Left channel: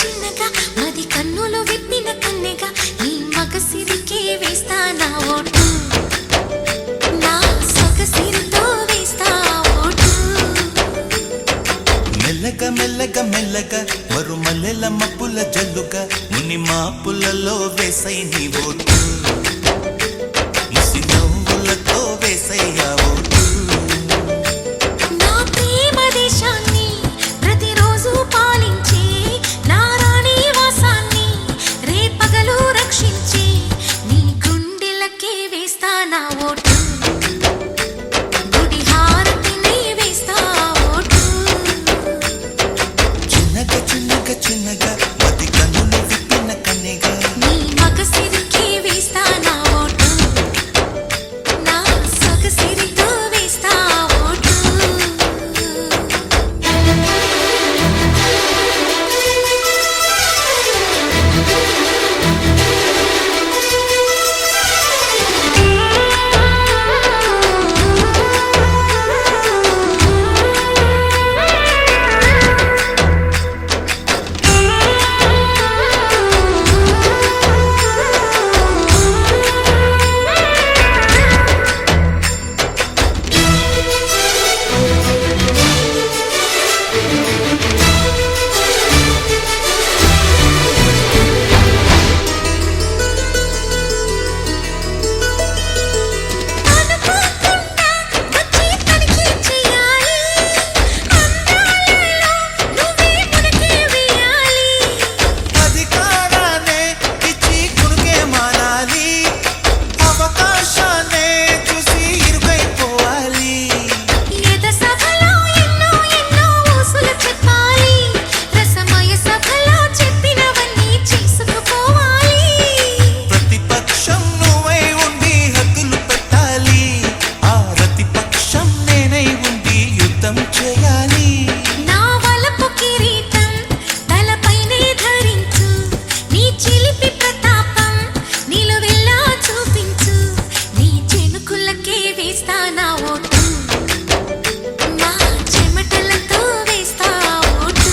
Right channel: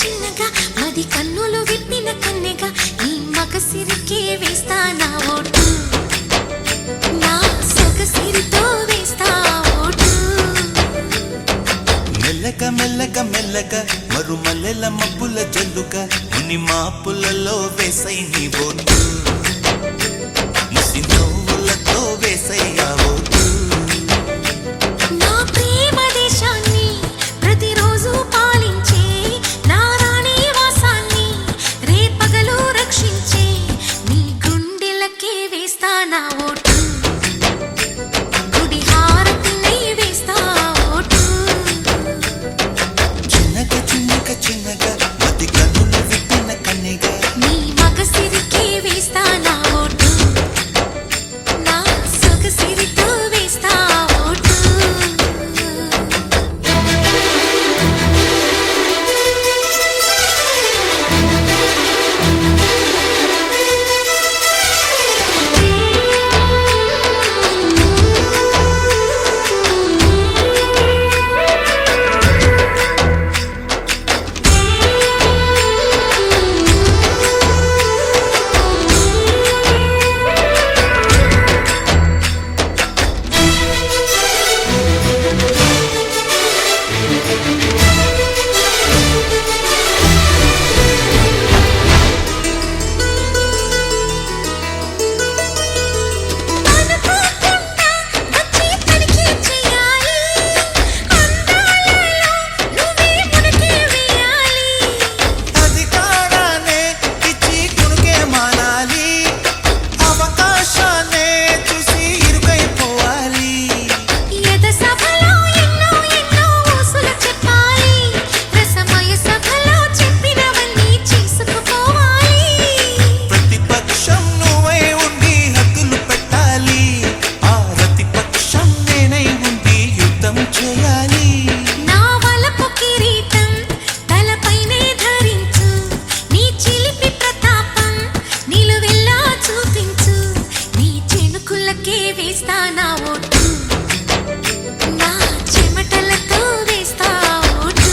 చిన్నగా మది కన్నులు విప్పిన కన్నెగా నీ మగసిరికే వేస్తా నా ఓటు, నా సొగసిరితో వేస్తా ఓటు. మెల్లగా మెల్లగా మెల్లగా మరుమల్లెల మబ్బుల జల్లుగా ముని మాపులలో వేసై నీ ఓటు, ముసి నవ్వులతో వేసయ్యా ఓటు. నా ప్రేమ దేశాన్ని ప్రతిరోజు పాలించే నా రాణి వాసాన్ని రేపగలు రక్షించే నీ గుండెలకే వేస్తా నా ఓటు, గుడి హారతినై వేస్తా ఓటు. చిన్నగా చిన్నగా చిన్నగా మది కన్నులు విప్పిన కన్నెగా నీ మగసిరికే వేస్తా నా ఓటు, నా సొగసిరితో వేస్తా ఓటు. అవకాశాన్నే చూసి ఇరుకైపోవాలి, ఎద సభలో ఎన్నో ఎన్నో ఊసులు చెప్పాలి, రసమయ సభలో చెప్పినవన్నీ చేసుకుపోవాలి. ప్రతిపక్షం నువ్వై ఉండి హద్దులు పెట్టాలి, ఆ ప్రతిపక్షం నేనై ఉండి యుద్ధం చేయాలి. నా వలపు కిరీటం తలపైనే ధరించు, నీ చిలిపి ప్రతాపం నిలువెల్లా చూపించు, నీ చెనుకులకే వేస్తా నా ఓటు, నా చెమటలతో వేస్తా ఓటు.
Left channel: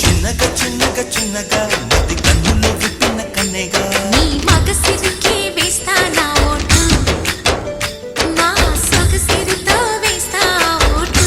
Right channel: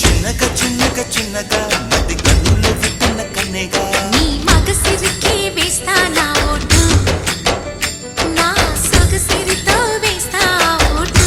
చిన్నగా చిన్నగా చిన్నగా మది కన్నులు విప్పిన కన్నెగా నీ మగసిరికే వేస్తా నా ఓటు, నా సొగసిరితో వేస్తా ఓటు.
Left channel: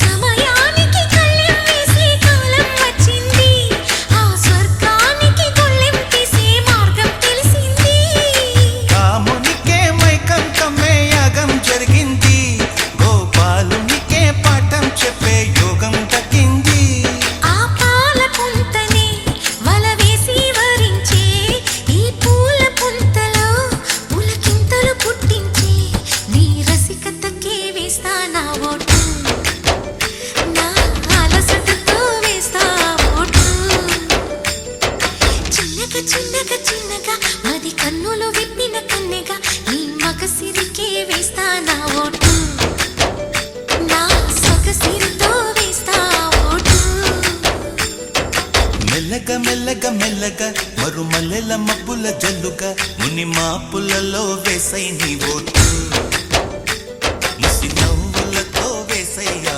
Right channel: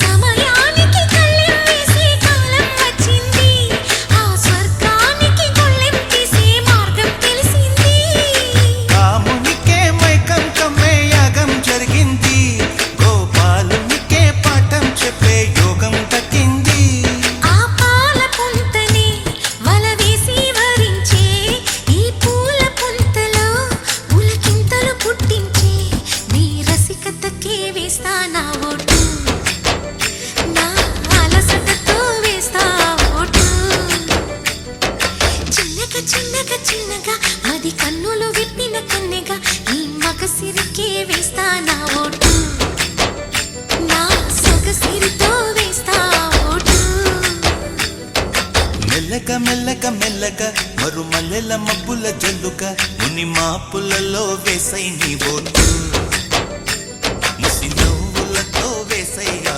సమయానికి కళ్ళెం వేసే కాలం వచ్చింది, ఆ స్వర్గానికి గొళ్ళెం తీసే మార్గం తెలిసింది. కామునికే మైకం కమ్మే యాగం జరిగింది, గోపాలునికే పాఠం చెప్పే యోగం దక్కింది. ఆ పాల పుంతనే వల వేసి వరించే ఈ పూల పుంతలో పులకింతలు పుట్టించే నీ రసికతకే వేస్తా నా ఓటు, నా అలసటతో వేస్తా ఓటు. చిన్నగా చిన్నగా చిన్నగా మది కన్నులు విప్పిన కన్నెగా నీ మగసిరికే వేస్తా నా ఓటు, నా సొగసిరితో వేస్తా ఓటు. మెల్లగా మెల్లగా మెల్లగా మరుమల్లెల మబ్బుల జల్లుగా ముని మాపులలో వేసై నీ ఓటు, ముసి నవ్వులతో వేసయ్యా